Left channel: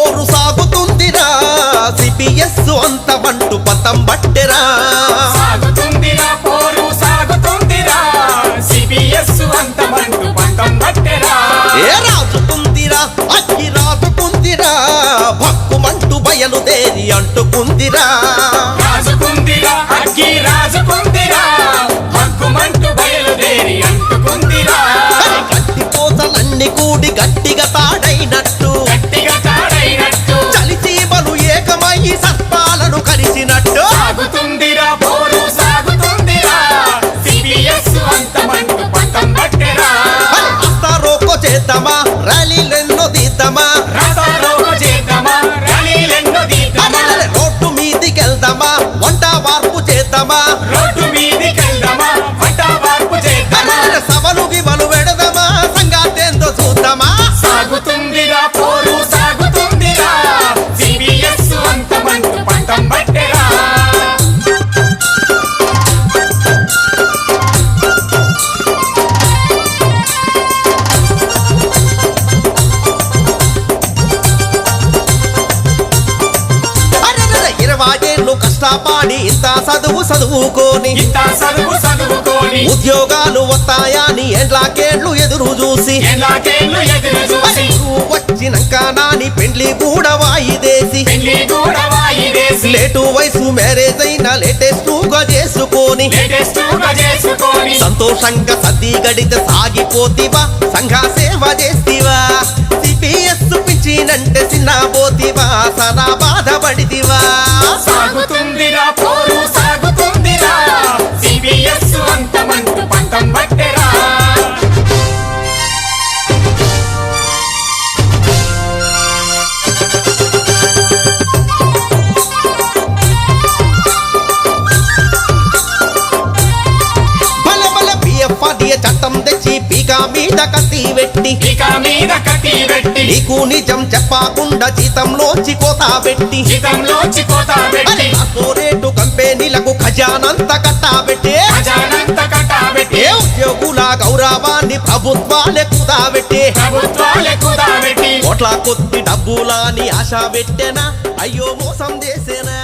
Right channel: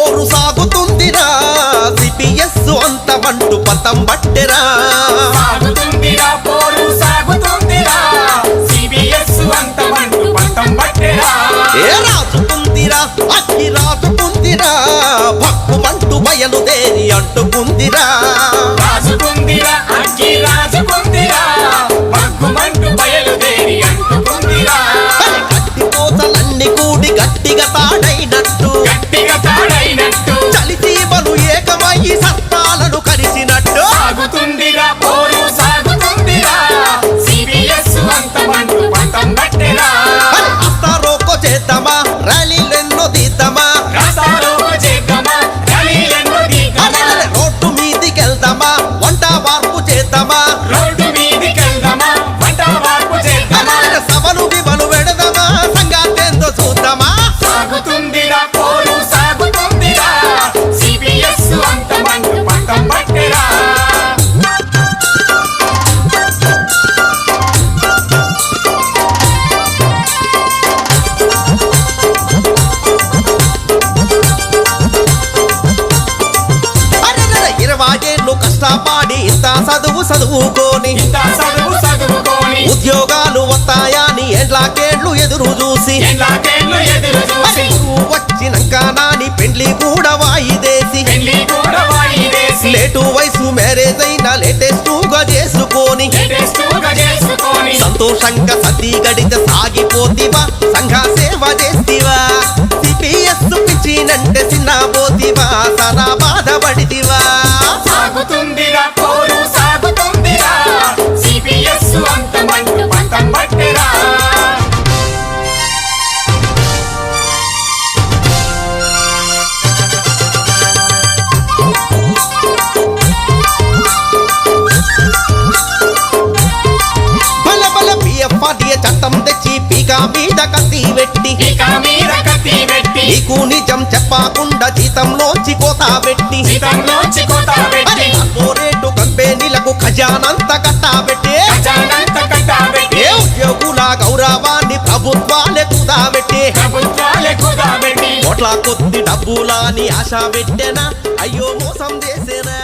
పోరు సాగుతుందిరా సిపిఎస్ అంతమంటూ పంతం బట్టెరా ఏ రాజుకుందిరా అగ్గి రాజుకుందిరా భక్కుమంటూ బయలుదేరి అంటుకుందిరా గట్టి కోతలన్నీ కూడి గట్టిగా తాడైనట్టు చలిచీమలు ఏకమయ్యి సర్పాలను కరిసినట్టు అస్తారోకో చేద్దామా ర్యాలీలెన్నో తీద్దామా రోడ్డు మీదికెళ్దామా వంట వార్పు చేద్దామా సభలు విమలు పెడదామా సంగాతేందో చూద్దామా ఇరవాయేళ్ళు కష్టపాడి ఇంత చదువుకోని ఉద్యోగాలు వస్తాయని ఎండ్లాకేళ్ళు ఎదురు చూసి వచ్చినాక నాని పెండ్లి కూడా వాయిదేసి లేటు వయసు మ్యారేజ్ అయినా లేటెస్టుగా చేసుకొని సంతోషంగా సతీ గడిత సాగిపోతివా సంఘ సేవ చేస్తివా సిపిఎస్ పిచ్చినంటే చిన్న పోతివా సదా బాధపడితివా చట్టం తెచ్చి పీకా మీద కత్తి పెట్టి నీకు నిజం చెప్పకుండా జీతంలోంచి కోత పెట్టి కార్పొరేట్ కంపెనీలకు ఖజానంత కట్టాబెట్టి ఏ ఉద్యోగుల గౌరవాన్ని ప్రభుత్వాలే కుదాబెట్టి కోట్ల కొద్ది డబ్బులని ఆశ పెట్టేనా అయ్యో మోసం చేసేనా